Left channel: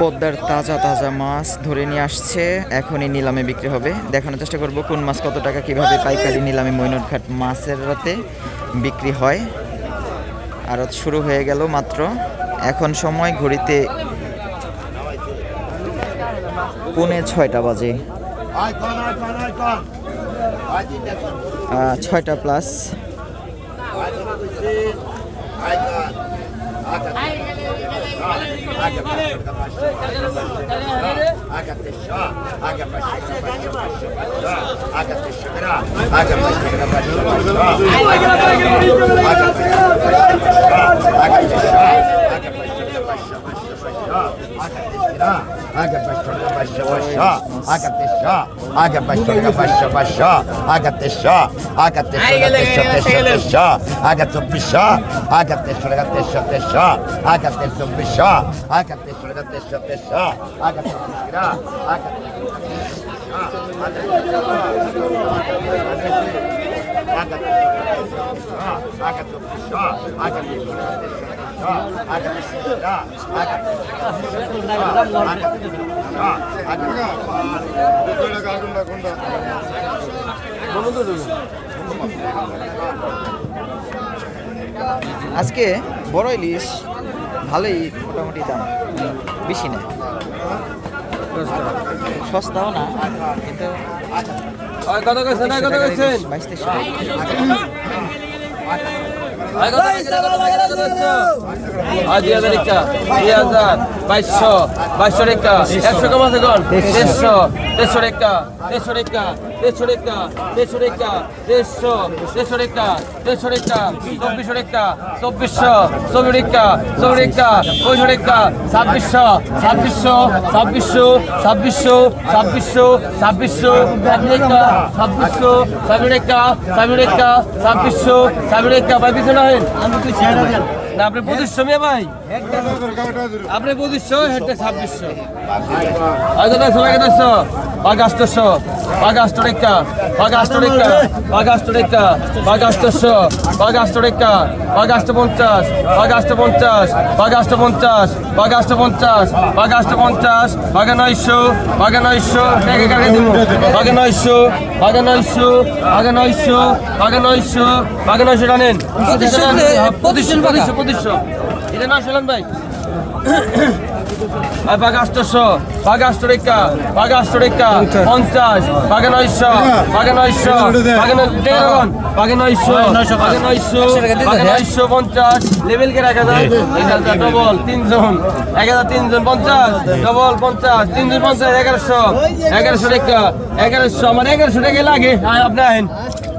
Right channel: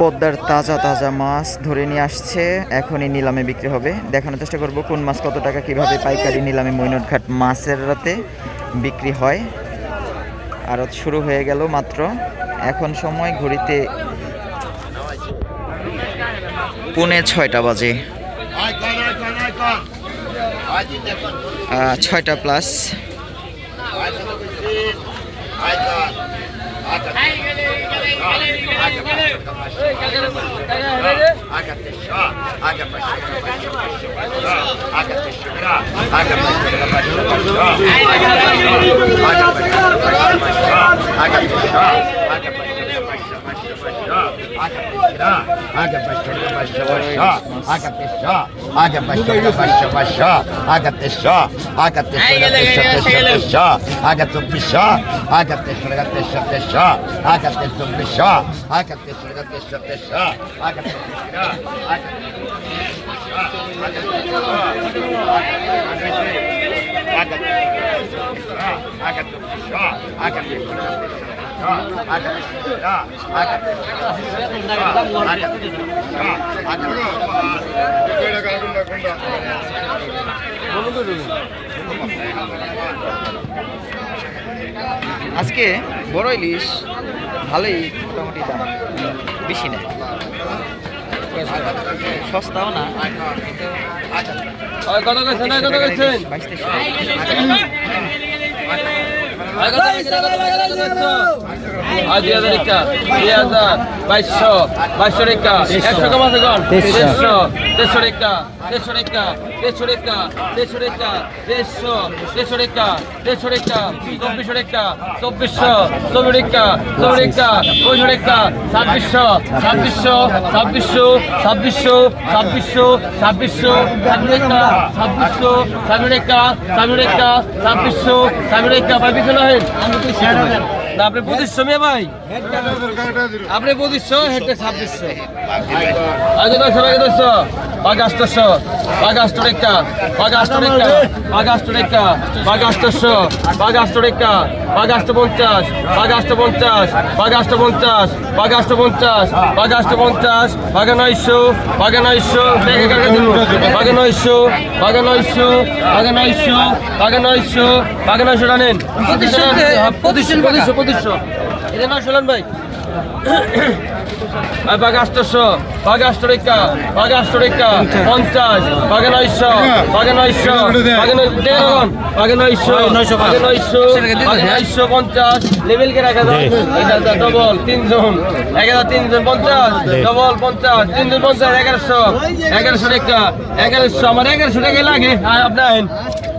পদ্মার তাজা তাজা মাছ ধরে নিয়ে আসছে। এখনই নিলামে বিক্রি হবে। দেখানোর চেষ্টা করব কোন মাছ কত টাকা, কীভাবে পাইকারি নিলামে মৈনটঘাট মাছের রাতে বিক্রি হয়। আড়ত শুরু হয়ে গেল মাত্র। এখন সময় ঘড়িতে পৌনে ছয়টা বাজে। ছয়টা plus água para chorar, água para chorar, água para chorar, água para chorar, água para chorar, água para chorar, água para chorar, água para chorar, água para chorar, I got the shot. I got the shot. আজকে বড় ইলিশ ভালোই মোটামুটি দাম। বেশি না সস্তাও না কত কত বাইশ তেইশ দুই হাজার হাজার বাইশশো বাইশশো রেখা একশো কম আছে দেড়শো দেড়শো রেখা। দেড়শো রেখা দেড়শো রেখা দেড়শো রেখা দেড়শো দেড়শো রেখা দেড়শো রেখা চব্বিশশো রেখা চব্বিশশো চব্বিশ রেখা চব্বিশ রেখা পঁয়ষট্টি রেখা ছাব্বিশশো ছাব্বিশশো ছাব্বিশশো ছাব্বিশশো ছাব্বিশশো ছাব্বিশশো ছাব্বিশ রেখা ছাব্বিশশো ছাব্বিশ রেখা ছাব্বিশ রেখা ছাব্বিশশো ছাব্বিশ রেখা ভাই পিছনে হেন আমি পিছনে আপনি পঁচিশশো মেয়ে ভাই। আপনি পঁচিশশো হেঁটে ছাব্বিশশো। আগে দশশো আগে দশশো। আষ্টশো বাঘ পঞ্চাশ বাঘে নয়শো বাঘে নয়শো দেখে কাকে দিব বাঘে নয়শো বাঘে নয়শো বাঘে নয়শো বাঘে নয়শো বাঘে নয়শো টানেন। পঁচিশশো পঁচিশশো পঁচিশশো এটা নয়শো নেন ভাই। বাঘ আষ্টশো বাঘ আষ্ট রেখা বাঘ পঞ্চাশ বাঘে নয়শো বাঘে নয়শো বাঘে দেখুন বাঘে নয়শো বাঘে নয়শো বাঘে নয়শো পঞ্চাশ লেভেল কে রাখা যায়। হাজার ডবল তিনজন। এক হাজার তিনজন পঞ্চাশ ডবল পঞ্চাশ তিনজন পঞ্চাশ এগারোশো এগারোশো রেখা এগারোশো আমার এগারোশো টাকা লাগে। আপনার আইন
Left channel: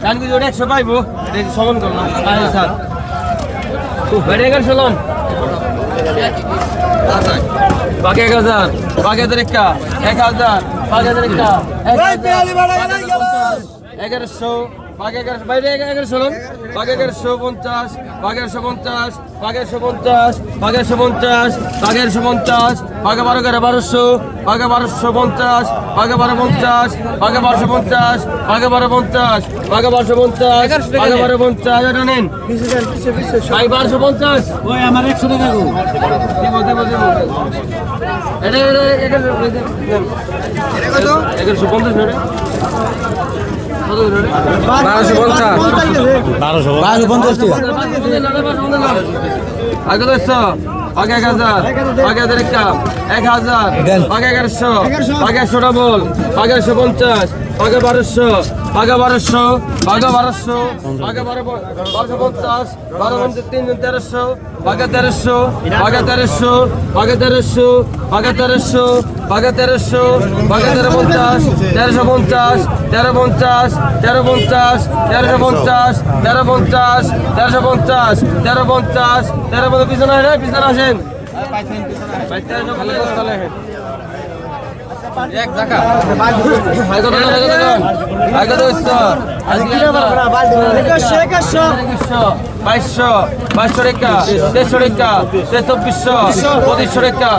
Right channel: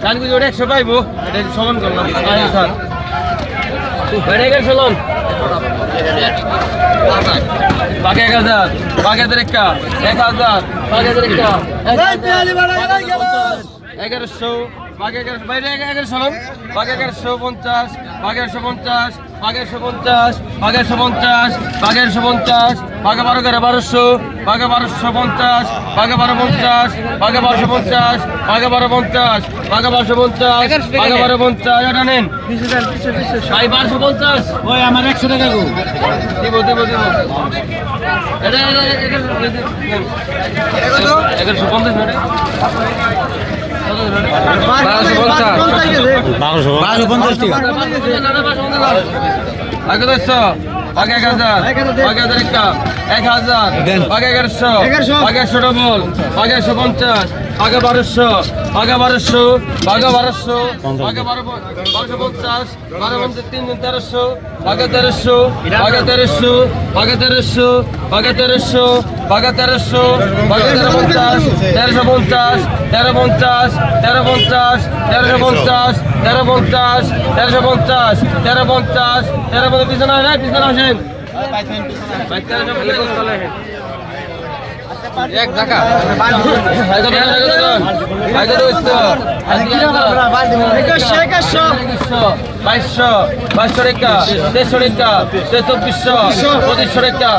কান কিন্তু ওটা একশো পাইবো। এটা সমান করলাম। আইন স্যার। এগারোশো লোন। বাকি এক হাজার বাকি হাজার একটা এক হাজার বাকি হাজার একটা এগারোশো। বাকি এগারোশো বাইরে এগা- এগারোশো লন বাকি এগারোশো পঞ্চাশ বাকি একশো পঞ্চাশ বাকি একশো পঞ্চাশ বাকি একশো পঞ্চাশ বাকি একশো পঞ্চাশ বাকি বারো এগারো বারোশো বাকি বারোশো পঞ্চাশ বাকি বারো পঞ্চাশ বাকি বারোশো পঞ্চাশ বাকি বারো পঞ্চাশ বাকি বারোশো পঞ্চাশ বাকি বারো পঞ্চাশ এটা নেন। ভাই বারোশো পঞ্চাশ। ওই আমার একশো টাকা গো। দেবো দেবো দেবো। এগারোশো পঞ্চাশ বারোশো পঞ্চাশ বারোশো বারোশো পঞ্চাশ টাকা। আগে দশশো আগে এক হাজার আগে হাজার একটা। এক হাজার আগে এগারোশো আগে একশো ডবল আগে একশো পঞ্চাশ। আগে বারোশো আগে বারোশো আগে বারোশো আগে বারো বারোশো পঞ্চাশ, বারো পঞ্চাশ তিনজন তেরোশো আগে তেরোশো আগে তেরোশো আগে তেরোশো আগে তেরোশো আগে তেরোশো আগে তেরো পঞ্চাশ, তেরোশো পঞ্চাশ, তেরো পঞ্চাশ তেরো পঞ্চাশ, তেরোশো পঞ্চাশ, তেরো পঞ্চাশ, তেরোশো পঞ্চাশ, তেরো পঞ্চাশ তেরো পঞ্চাশ, পিছনে আসেন পিছনে আসেন। বাইশশো বাইশশো রেখা তেইশশো রেখা তেইশ চব্বিশশো পঁচিশশো রেখা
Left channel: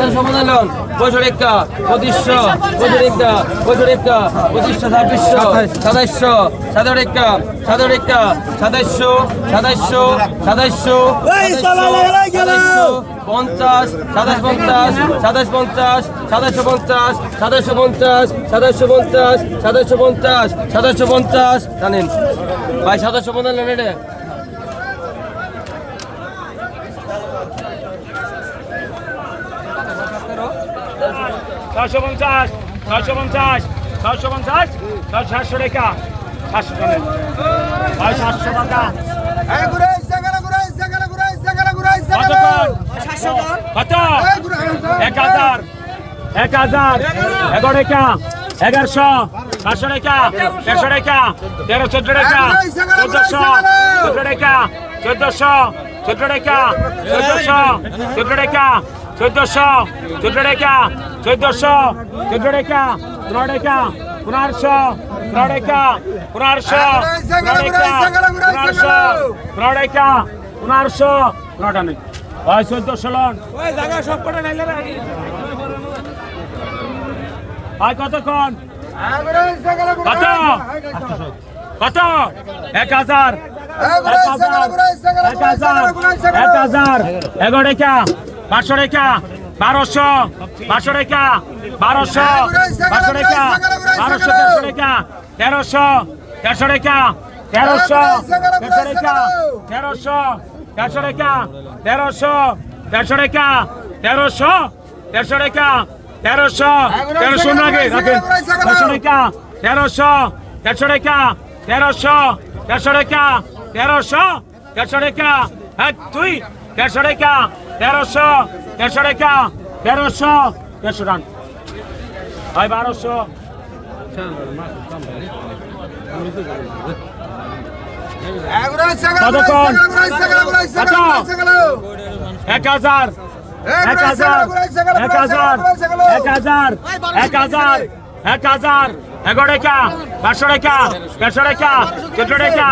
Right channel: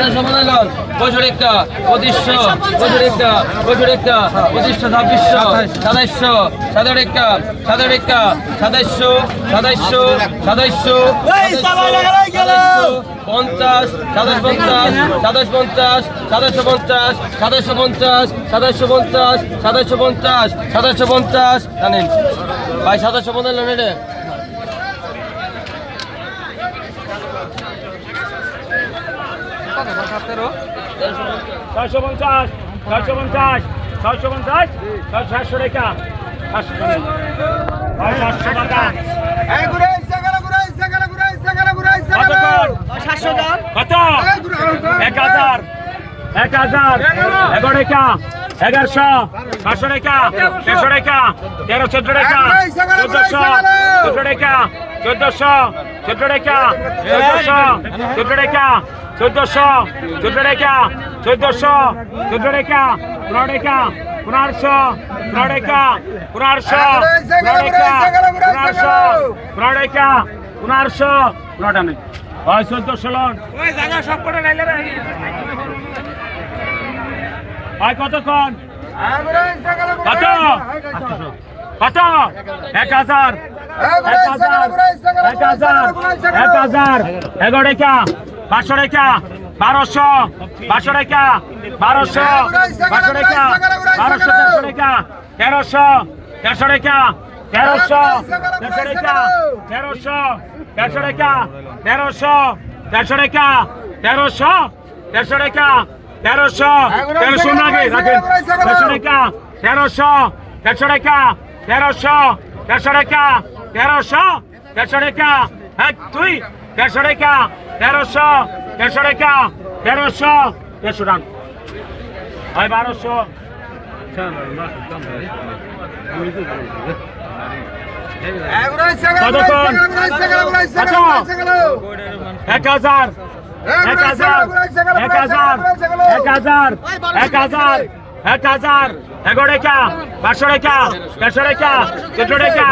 পনেরো পঁচিশশো রেখা পঁচিশশো পঁচিশ রেখা পঁচিশ রেখা পঁচিশশো ছাব্বিশশো সাতাইশশো সাতাশ রেখা সাতাশ রেখা সাতাইশশো সাতাইশশো সাতাইশশো সাতাইশশো পঞ্চাশ সাতাশ পঞ্চাশ সাতাশ পঞ্চাশ সাতাশশো পঞ্চাশ সাতাশশো পঞ্চাশ সাতাশশো পঞ্চাশ সাতাশশো পঞ্চাশ সাতাশশো পঞ্চাশ জানেন? ভাই সাতাশশো পঞ্চাশ রে ছয়শো পঞ্চাশ ছয়শো পঞ্চাশ ছয়শো পঞ্চাশ ছয় সাতশো রেখা সাতশো টাকা। সাতশো টাকা কত? এক হাজার এক হাজার এগারো এগারোশো পাঁচশো রেখা দেড়শো রেখা তেরো চোদ্দ রেখা চোদ্দশো চোদ্দ রেখা চোদ্দশো চোদ্দ রেখা চোদ্দশো চোদ্দ রেখা চোদ্দশো চোদ্দ রেখা চোদ্দশো চোদ্দ রেখা পনেরো রেখা পনেরোশো পনেরো রেখা পনেরোশো পনেরোশো পনেরো রেখা পনেরোশো পনেরোটা নেই। হয় চোদ্দশো লন। হয় কতক্ষণ? কত কত এক হাজার। এক হাজার। এক হাজার। এক হাজার। এগারো রেখা পাঁচশো রেখা, বারোশো পাঁচশো রেখা, বারোশো পাঁচশো রেখা, বারোশো, তেরোশো রেখা, তেরোশো তেরোশো রেখা, তেরোশো তেরোশো রেখা, তেরোশো তেরোশো রেখা, তেরোশো তেরোশো রেখা, তেরোশো তেরোশো রেখা তেরোশো তেরোশো নাগে রাখেন। তেরোশো রেখা তেরোশো তেরোশো রেখা তেরোশো তেরোশো রেখা তেরোশো তেরোশো রেখা এক দুই তেরোশো রেখা তেরোশো তেরোশো রেখা তেরোশো তেরোশো রান হয় বারোশো। এক হাজার। এক হাজার এক হাজার এক হাজার এক হাজার এক হাজার এগারো রেখা পাঁচশো রেখা দেড়শো রেখা চোদ্দ রেখা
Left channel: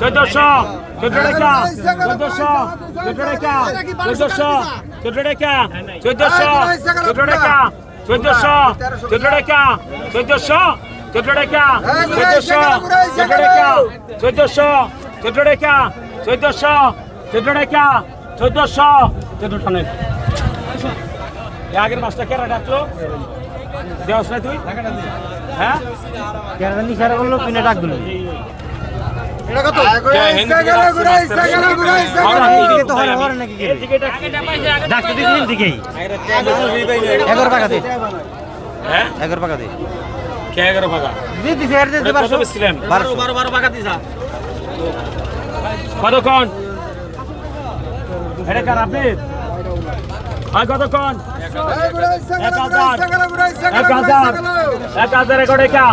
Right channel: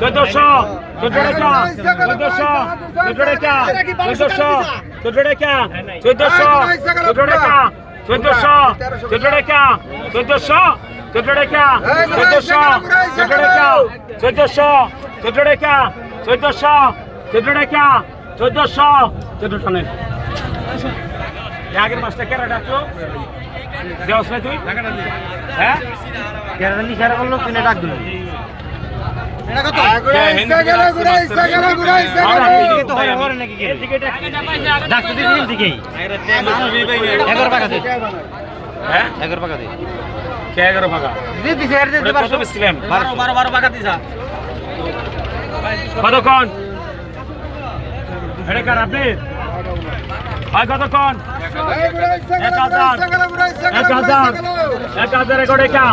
চোদ্দশো চোদ্দ রেখা চোদ্দশো চোদ্দ রেখা চোদ্দশো চোদ্দ রেখা চোদ্দশো চোদ্দ রেখা চোদ্দশো চোদ্দ রেখা চোদ্দশো চোদ্দ রেখা চোদ্দশো চোদ্দ রেখা চোদ্দশো চোদ্দ রেখা চোদ্দশো চোদ্দ রেখা চোদ্দশো চোদ্দ টানেন আগের মাসটা কেরা ডাকলো দেওয়াস না তুই হ্যাঁ কেরাদান ইশারা করলো কিনে ডাক দিল এগারো টাকা দে এগারো টাকা দে কে এগারো ভাগা দিছিলাম বারো বারো বারো ভাগা দিছা কতক্ষণ এটা কার আপনি হয় কতক্ষণ এক হাজার এক হাজার। এক হাজার এগারো টাকা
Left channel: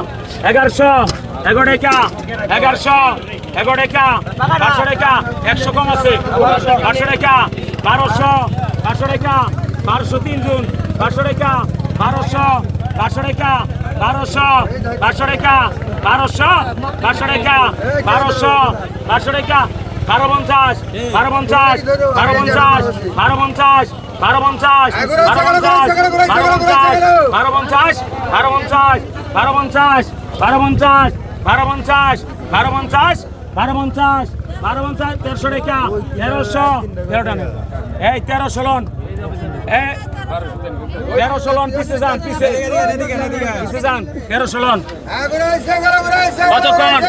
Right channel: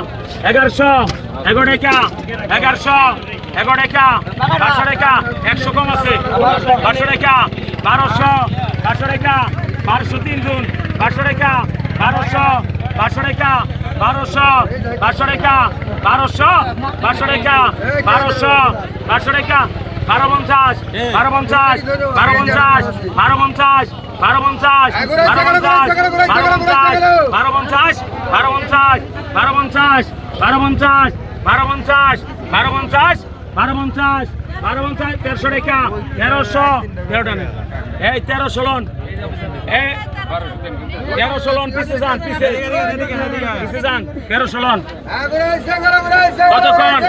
এগারোশো। এগারো টাকা এগারোশো। এগারো টাকা পাঁচশো টাকা একশো কম আছে পাঁচশো টাকা বারোশো। পাঁচশো টাকা বারোশো তিন জুন। পাঁচশো টাকা বারোশো। পাঁচশো টাকা বারোশো। পাঁচশো টাকা বারোশো। পাঁচশো টাকা বারোশো। পাঁচশো টাকা বারো পঞ্চাশ। বারো পঞ্চাশ। বারো পঞ্চাশ। বারো পঞ্চাশ। বারো পঞ্চাশ বারো পঞ্চাশ বারো পঞ্চাশ বারো পঞ্চাশ বারো পঞ্চাশ বারো পঞ্চাশ বারো পঞ্চাশ বারো পঞ্চাশ বারো পঞ্চাশ তেরোশো রেখা তেরোশো তেরোটা এই তেরোশো লন তেরোশো লন পিছে যান পিছে পিছে যান তেরোশো লন কতক্ষণ